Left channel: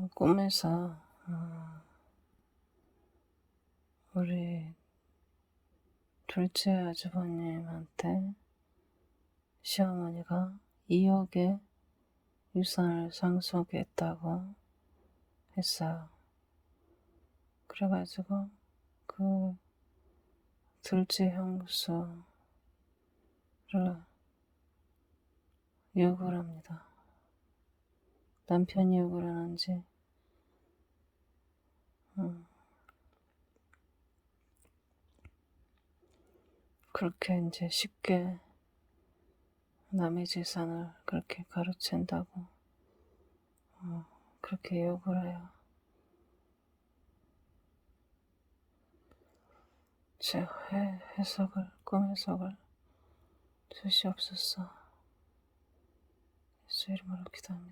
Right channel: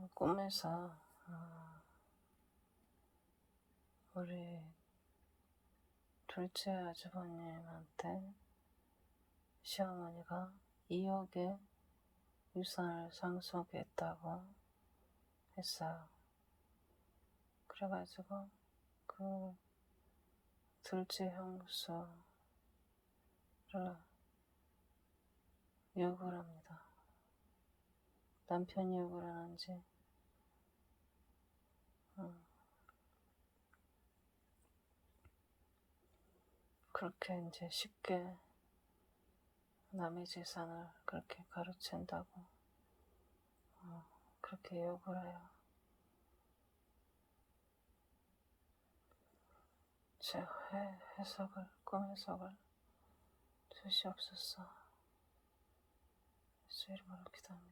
그 꿈에서 어, 우리 둘째 아주버님한테 시어머니가 2억의 유산을 상속했다고 했어요. 그래가지고 그 둘째 형수를 욕을 합니다. 남편이 욕을 하는지 음, 그렇게 이제 쉽게 남의 재산을 그렇게 가로챈다고 어, 그렇게 욕을 해요. 제 해, 해석을 꿈 해석을 주시옵소서. 예수 이름으로 기도합니다.